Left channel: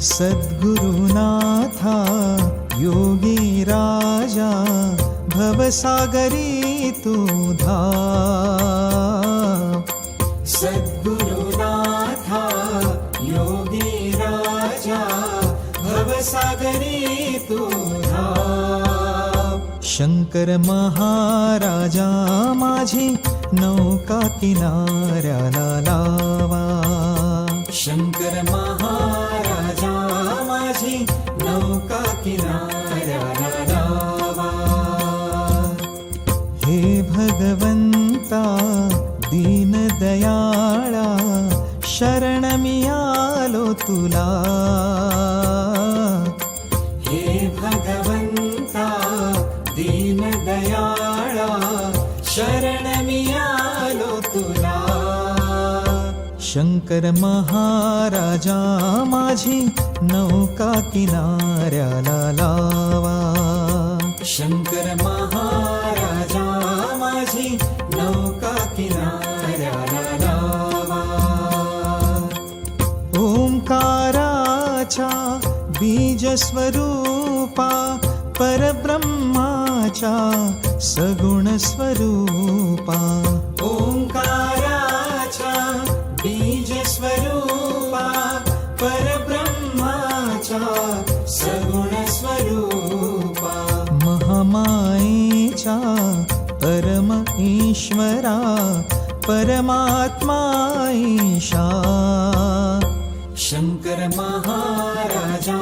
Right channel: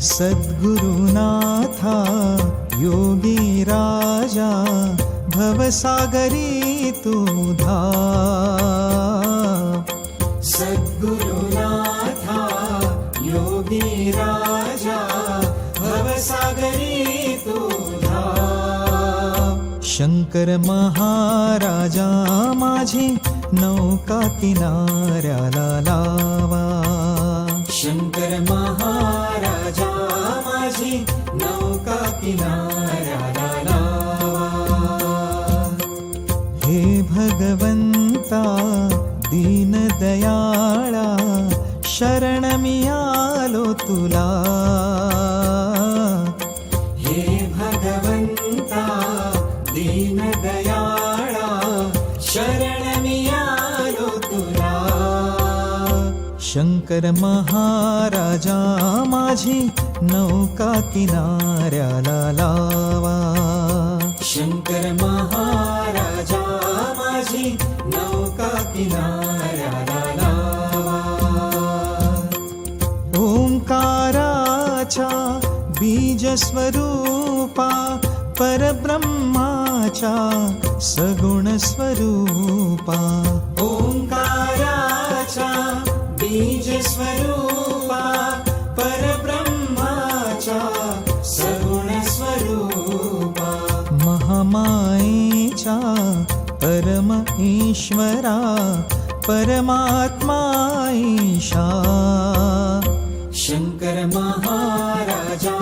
सद्गुरुनाथा योगी राजा भवसागरी तू धाव. सद्गुरुनाथा योगी राजा भवसागरी तू धाव. शंकर महाराजा माझी नौका किनाऱ्याला लावा. शंकर महाराजा माझी नौका किनाऱ्याला लावा. हे भगवंता दीनदयाळा शरण मी आलो तुला. हे भगवंता दीनदयाळा शरण मी आलो तुला. शंकर महाराजा माझी नौका किनाऱ्याला लावा. शंकर महाराजा माझी नौका किनाऱ्याला लावा. ओंकाराच्या बीज स्वरूपा परब्रह्माच्या सगुण स्वरूपा. ओंकाराच्या बीज स्वरूपा परब्रह्माच्या सगुण स्वरूपा. महामायेच्या परम ईश्वरा परमात्मा ईशा. शंकर महाराजा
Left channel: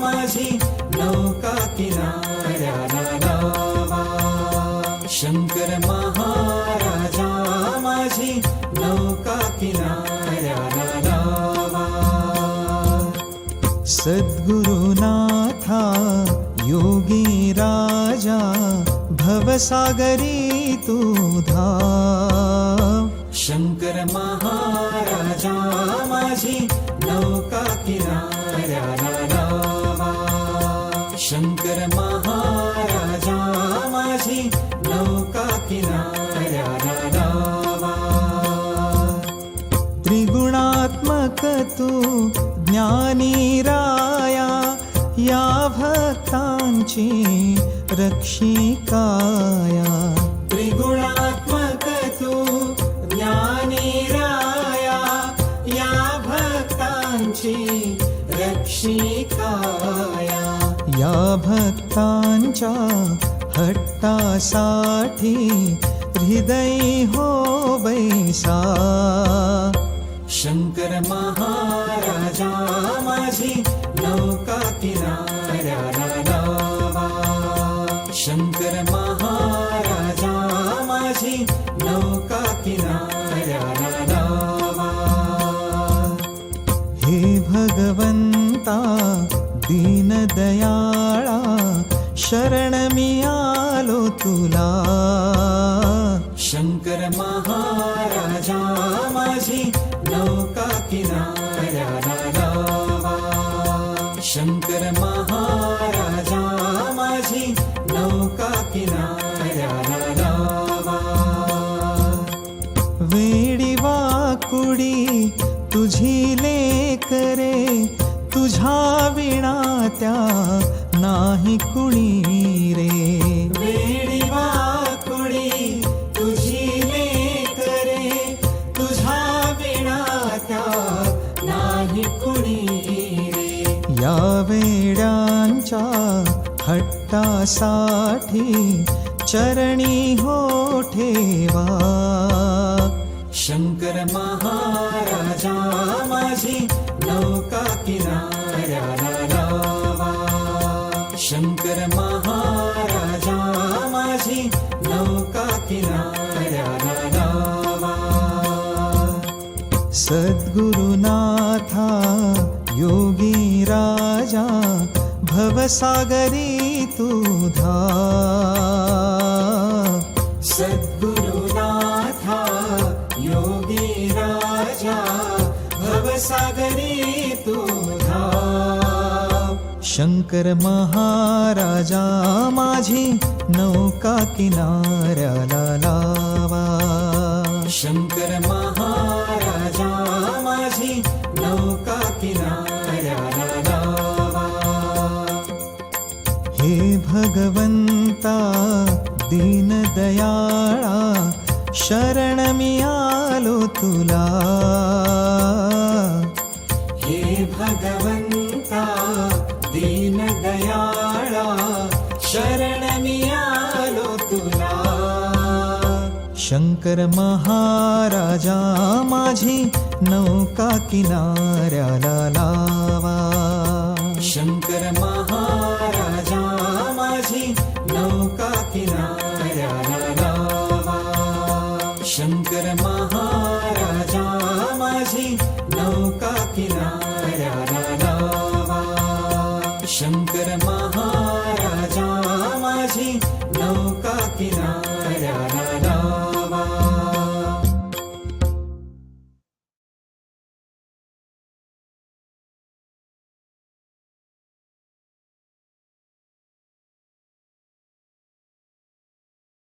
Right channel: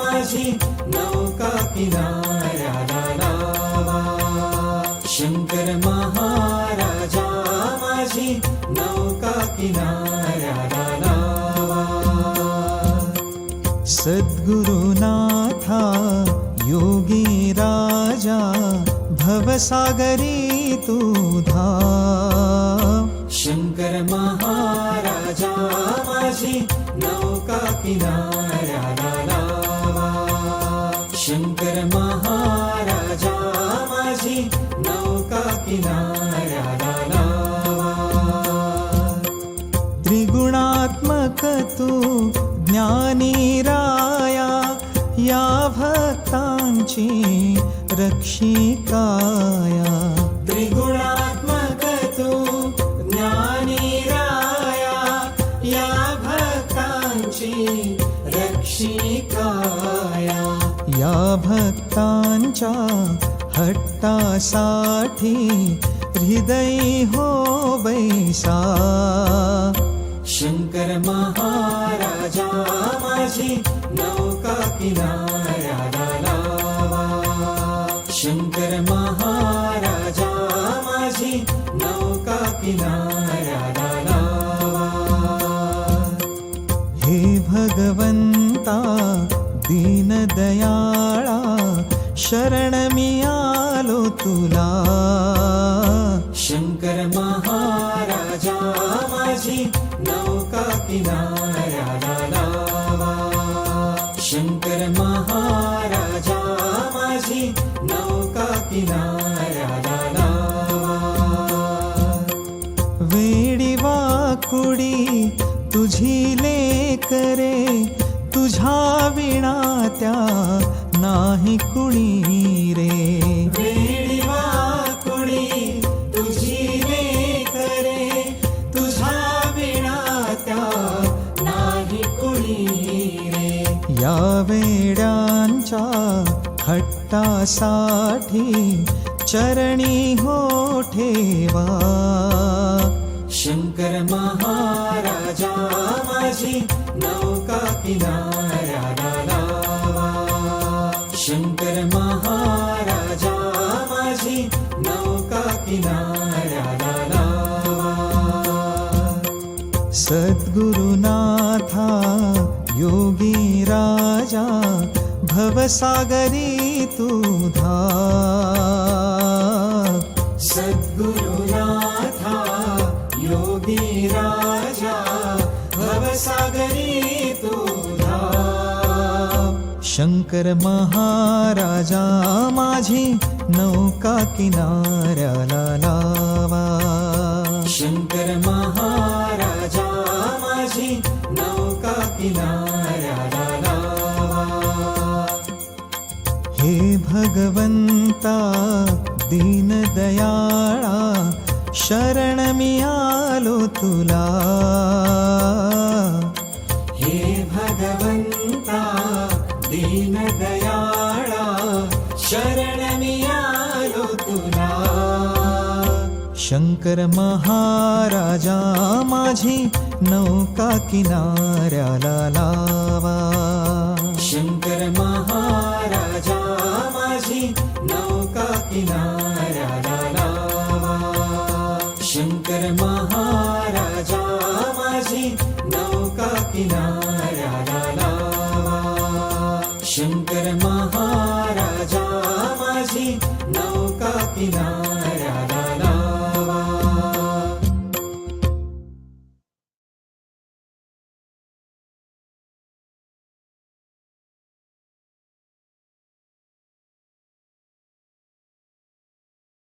माझी नौका किनाऱ्याला लावा. शंकर महाराजा माझी नौका किनाऱ्याला लावा. सद्गुरुनाथा योगी राजा भवसागरी तू धाव. शंकर महाराजा माझी नौका किनाऱ्याला लावा. शंकर महाराजा माझी नौका किनाऱ्याला लावा. त्रिगुणात्मक तू ज्ञानी राया या भक्तांची रक्षिकाया. त्रिगुणात्मक तू ज्ञानी राया या भक्तांची रक्षिकाया. या भक्तांच्या हट्टासाठी हृदय हो बैसा. शंकर महाराजा माझी नौका किनाऱ्याला लावा. शंकर महाराजा माझी नौका किनाऱ्याला लावा. हे भगवंता दीनदयाळा शरण मी आलो तुला. शंकर महाराजा माझी नौका किनाऱ्याला लावा. शंकर महाराजा माझी नौका किनाऱ्याला लावा. वेडी वाकुडी तुझी लेकरे तुझ्या विणा त्या नाही कुणी रे. वेडी वाकुडी तुझी लेकरे तुझा विणा त्या नाही कुणी रे. या वेड्यांच्या हट्टासाठी चरणी हो ठेवा. शंकर महाराजा माझी नौका किनाऱ्याला लावा. शंकर महाराजा माझी नौका किनाऱ्याला लावा. सद्गुरुनाथा योगी राजा भवसागरी तू धाव. सद्गुरुनाथा योगी राजा भवसागरी तू धाव. शंकर महाराजा माझी नौका किनाऱ्याला लावा. शंकर महाराजा माझी नौका किनाऱ्याला भगवंता दीनदयाळा शरण मी आलो तुला. हे भगवंता दीनदयाळा शरण मी आलो तुला. शंकर महाराजा माझी नौका किनाऱ्याला लावा. शंकर महाराजा माझी नौका किनाऱ्याला लावा. शंकर महाराजा माझी नौका किनाऱ्याला लावा. शंकर महाराजा माझी नौका किनाऱ्याला